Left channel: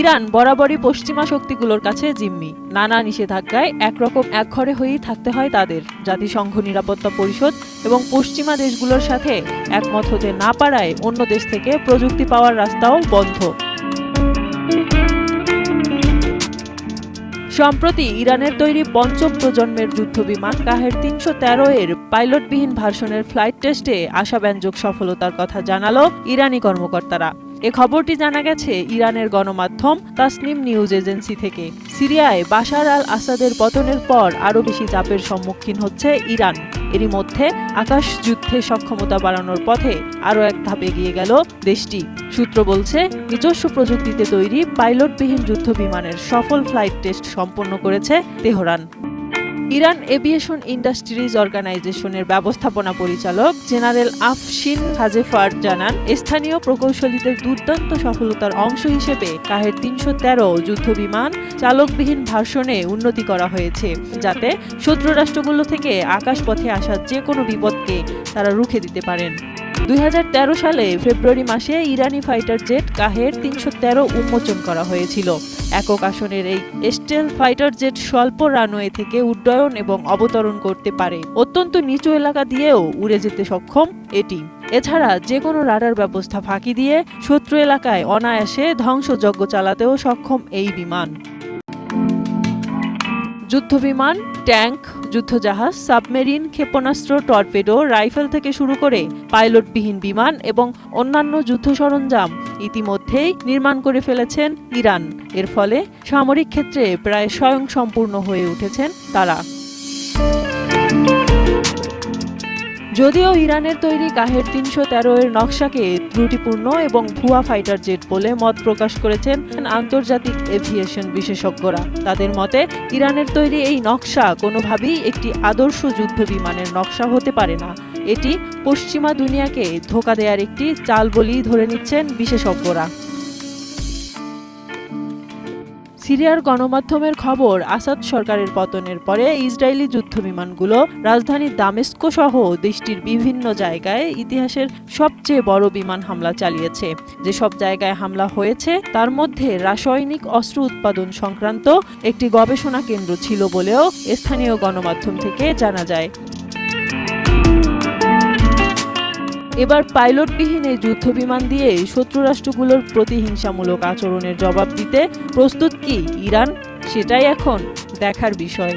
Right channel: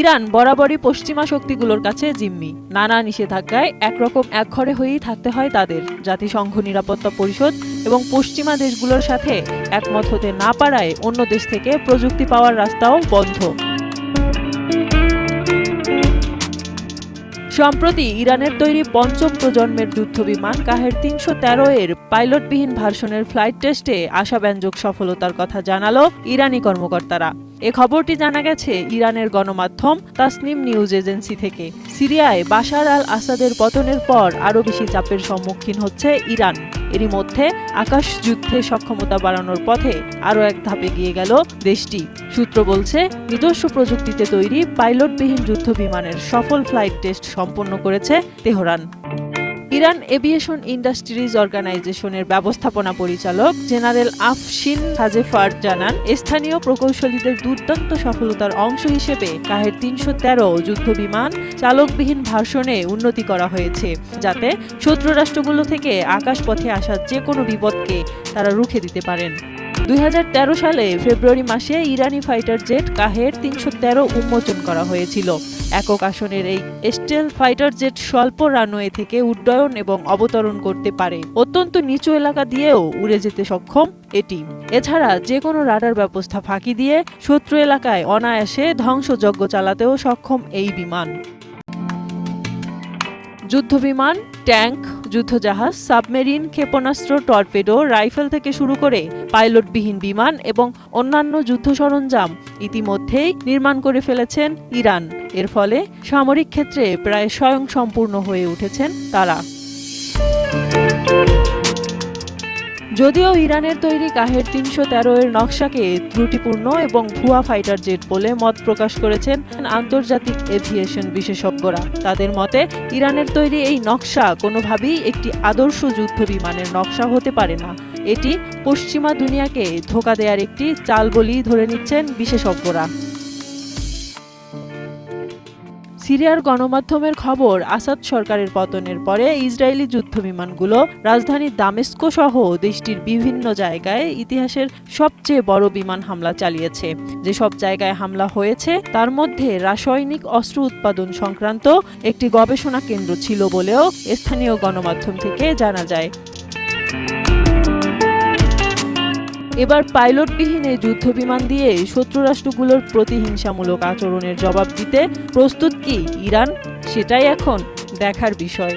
Iran বরাবরই পশ্চিমা শক্তিগুলোর কাছে জিম্মি। নানা নিষেধাজ্ঞায় একরকম একঘরে হয়েই থাকতে হয় তাদের। জাতিসংঘ নিরাপত্তা পরিষদ এবং পশ্চিমা দেশগুলোর সাথে একমত হতে না পারায় অন্য দেশ থেকে প্রযুক্তি পাওয়ার রাস্তাও বন্ধ। সম্প্রতি ইরানের তৈরি পঞ্চম প্রজন্মের যুদ্ধবিমান কাহের ৩১৩ এর পাইলটবিহীন ভার্সনের ফ্লাইট টেস্টে আশাব্যঞ্জক সফলতার কথা জানালো ইরানি কর্মকর্তারা। এ খবরটি জানা গেছে ইরানের গণমাধ্যম তাসনিম নিউজ এজেন্সি থেকে। সিরিয়ায় বাশার আল আসাদের পতনের পর আরও বেশি চাপের সম্মুখীন হচ্ছে ইরান। এরই মধ্যে আকাশ যুদ্ধে সক্ষমতা বাড়ানোর পথে আরও এক ধাপ এগিয়ে গেল দেশটি। সূত্র বলছে, নিজস্ব প্রযুক্তিতে তৈরি পাইলটবিহীন যুদ্ধবিমানের সফল ফ্লাইট টেস্ট সম্পন্ন করেছে তেহরান। ইরান এভিয়েশন ইন্ডাস্ট্রিজ অর্গানাইজেশনের ব্যবস্থাপনা পরিচালক জেনারেল আফশিন হাজেফার জানান, স্থানীয় প্রকৌশলীদের দুর্দান্ত সফলতার অংশ হিসেবে কাহের ৩১৩ যুদ্ধবিমান চালকবিহীন ভার্সনে উন্নতি করা হয়েছে, যাতে শত্রু রাষ্ট্রগুলো থেকে আকাশপথে আসা যে কোনো বিপদকে তারা রুখে দিতে পারেন। ২০১৩ সালে ফেব্রুয়ারি মাসে ইরানি ফাইটার জেট কাহের ৩১৩ উন্মোচন করা হয়েছিল। একক আসনের এই স্টেল ফাইটার জেট স্বল্প রানওয়ে থেকে উড্ডয়ন এবং অবতরণ করতে পারে। অত্যন্ত নিচু এলাকা দিয়েও উড়ে যেতে সক্ষম এটি। এছাড়া যে কোনো রাডার ব্যবস্থা ফাঁকি দিয়ে শত্রু এলাকায় অনায়াসে ধ্বংসযজ্ঞ চালাতেও সক্ষম এই বিমান। যুদ্ধবিমান, ট্যাঙ্ক, যুদ্ধজাহাজ, সাবমেরিন, ক্ষেপণাস্ত্র, টর্পেডো, রাইফেল থেকে শুরু করে পাইলটবিহীন বিমান এবং অন্যান্য যুদ্ধ সরঞ্জাম ইতিমধ্যেই নির্মাণ করে ফেলেছেন ইরান। এর ফলে সামরিক ক্ষেত্রে প্রায় স্বয়ংসম্পূর্ণ হয়ে উঠেছেন তারা। যদিও ইরানের তৈরি কাহের ৩১৩ এর নকশাকে ত্রুটিপূর্ণ এবং ভুয়া ফাইটার জেট বলে মত প্রকাশ করেছেন আন্তর্জাতিক এভিয়েশন বিশেষজ্ঞরা। তাদের মতে, ইরানের তৈরি এই নকশা কোনোভাবেই একটি আদর্শ যুদ্ধ বিমানের নকশা হতে পারে না। এটি পশ্চিমা দুনিয়াকে ধোঁকা দেওয়ার একটি চাল বলেই ধরে নিচ্ছেন বিশেষজ্ঞরা। সিরিয়ার গণমাধ্যমের খবর, আসাদ সরকারের পতনের পরে ইসরায়েলি যুদ্ধবিমানগুলো রাজধানী দামেস্ক সহ দেশটির বিভিন্ন জায়গায় ইতিহাসের সবচেয়ে বড় বিমান হামলা চালিয়েছে। যেসব জায়গায় হামলা হয়েছে তার মধ্যে রাসায়নিক অস্ত্র উৎপাদন সংক্রান্ত একটি গবেষণা কেন্দ্র ছিল বলেও স্থানীয় গণমাধ্যম থেকে জানা যায়। এবার পাইলটবিহীন এই যুদ্ধবিমান দিয়ে শত্রু রাষ্ট্রগুলোর প্রতিহিংসামূলক আচরণের জবাব দিতে প্রস্তুত কি ইরান? সেটাই এখন দেখার বিষয়।